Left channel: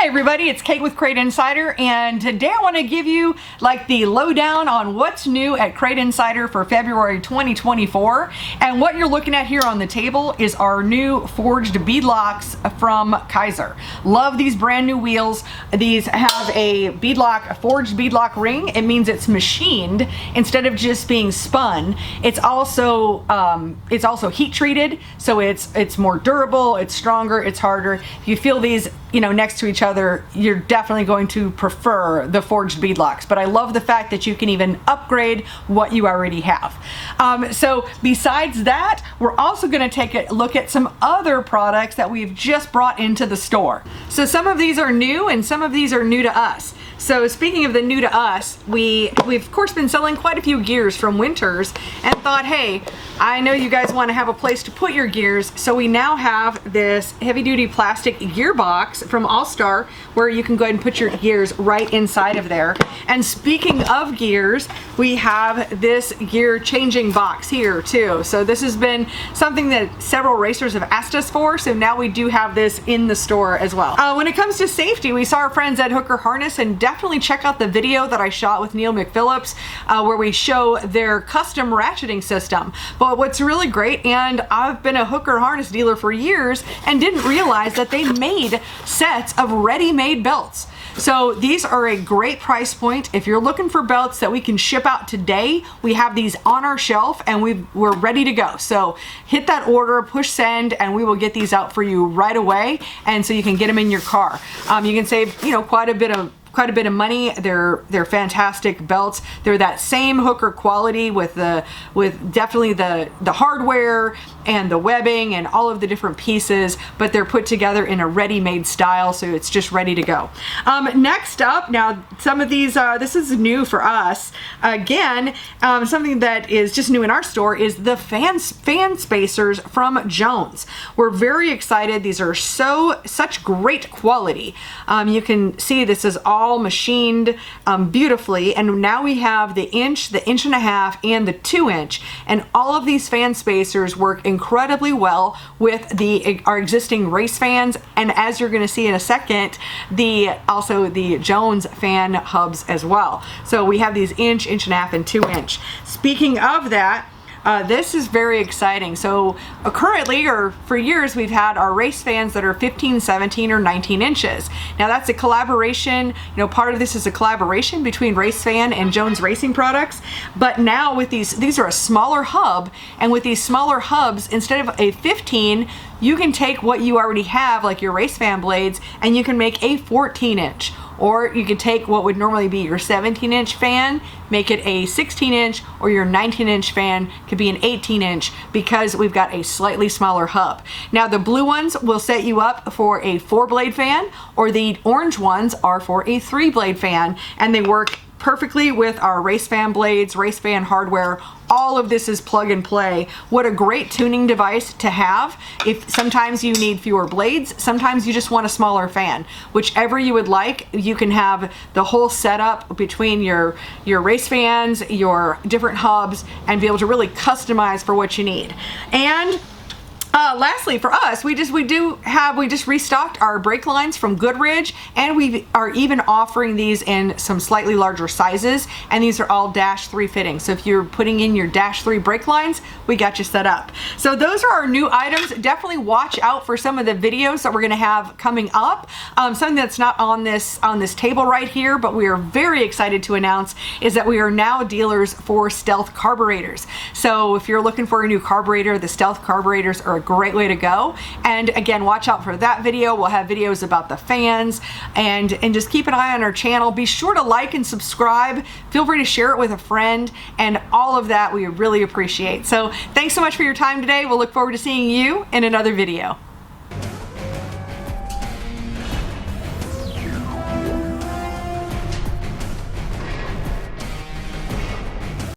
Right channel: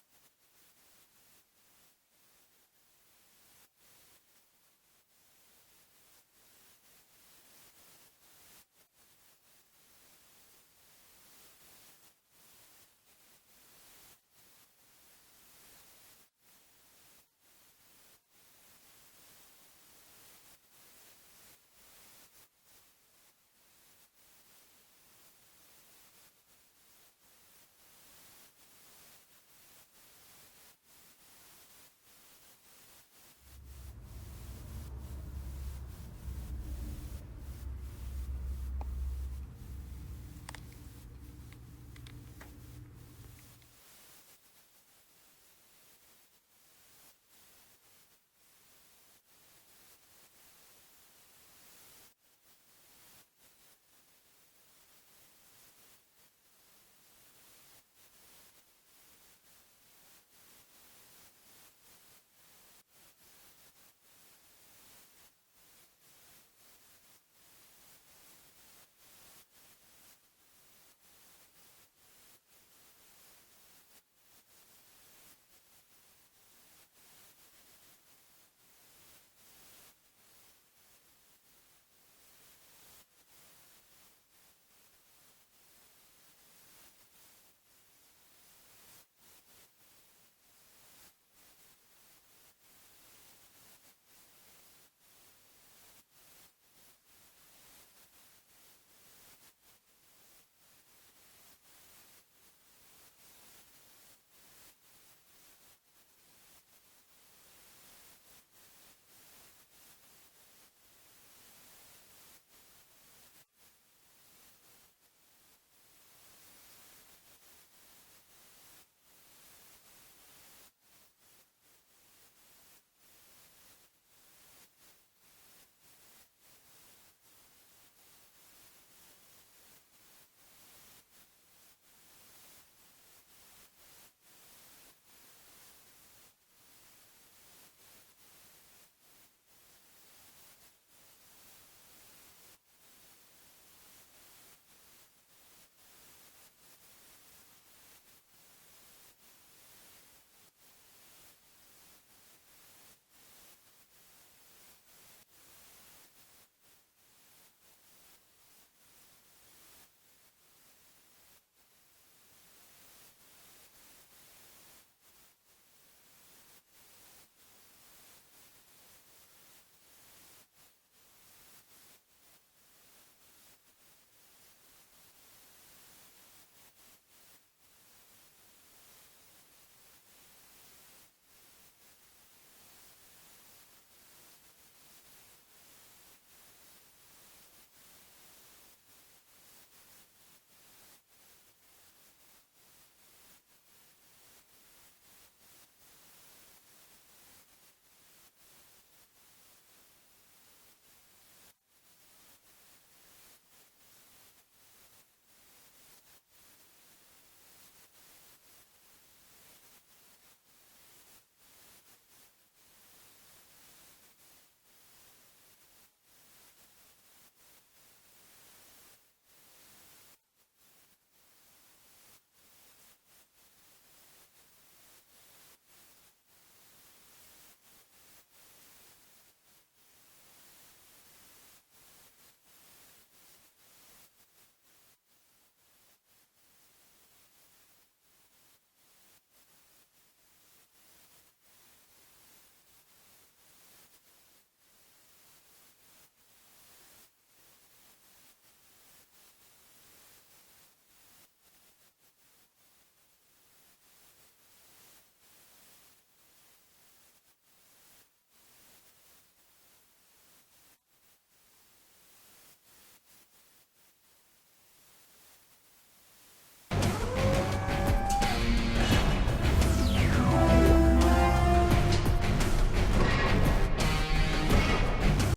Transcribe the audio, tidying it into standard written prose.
Hey everybody, it's Kate with Crate Insider, and today I want to give you like the lowdown on what's new at Crate Insider for February 2024. And what you're looking at here on the table is our new forged beadlocks from Kaiser. Love these brand new wheels. These have a forged beadlock ring. It means it's machined instead of just being spun. It's also heat treated, so it's more durable, it's stronger, it's harder. If you feel these next to each other, you're definitely going to prefer the forged beadlocks. But I love the fact that you can even upgrade what you already have. So besides that, we're also going to take a look at some other products that we've just brought into the store. So some of these are new and some of these are new to us. So speaking of the new to us, we've of course been selling quite a few gears from Winters and thought, hey, I know you guys want to have a place to put your gears, so we now have this heavy duty plastic gear box from Allstar where you can go ahead and put your gears right inside of there. And speaking of gears, we have this gear changing box here too. So this has been something that several racers have asked us for, so now we do have this in the store as well. When it comes to safety, we saw our friends at Hooker Harness, and definitely check out the video that I shot with Neil McPhillips where we show their custom ratcheting system. But what's really great, and I've been a Hooker Harness dealer for years and didn't realize that they made sets of ready-made belts. So these are a great price point. If you're looking for belts that we can ship out today, we have these on our shelf and we're ready to go. So hit that order, push send, and we will get these out for you right away. And so you can get them in your car. You can save, quite a bit of money. They're fantastic belts. They're that same Hooker quality with definitely the hardware and the webbing and all of the different pieces, but they're put together in a ready-made style, so it's just ready to go. Next up, now some of these, this is new for us. Again, something that is just new in our store is the fan spacers from Jones. We're very excited. These are such great quality. You can see this is all machined beautifully, and now we have the inch and a half, and the 2-inch, and all of these fan spacers work incredibly well with our existing race fans, and as you're going to see in a second, also the Jones fan hubs as well. So we have these inch and a half, and 2-inch. Speaking of that, this is very exciting. So currently, or for years, we've had our race fans that are 15, 17, or 19 inches. Now that's a collaboration, part of this is a collaboration between Race Fan and Jones Racing Products. But now with these are a smaller hub, and with these smaller hubs, instead of a 15, you can take what you already have, like your Race Fan blades, and you can make a 14-inch. Or you could take what would normally be your 17-inch fan, make it a 16-inch, or your 19-inch fan could be an 18-inch, because we've got a slightly smaller hub. Now the blue ones will set you up for a 4-blade fan, or the orange ones are for a 3-blade fan, and they work perfectly with our race fan blades, race fan hardware. All of this is plug and play. What a great tuning device to have. If sometimes you need fewer blades, sometimes you just want a smaller fan. Whichever you would like, you can have the whole setup between your race fans, your different hubs, and be able to really customize for what you need. And lastly, for us, we just restocked our brake lines from Goodridge, and we are even offering these in some slightly larger sizes, and these are all -3 fittings. So if you're putting in your -3 brake lines, we got you set up. So those are our new items. Definitely watch out for some of the videos that we're going to have coming up. Something that's not on this table right here, but we are very excited to announce, is that we are now dealers for Stealth carburetors. So if you're looking for a new carburetor, the Stealth carburetors are a great way to go. And again, watch out for that video. We'll have videos about the fans, and just keep an eye on our channel. Be sure to like and subscribe. Feel free to share it with a friend, and all of that we really appreciate. So thanks so much for your time today. We'll look forward to seeing you in another video.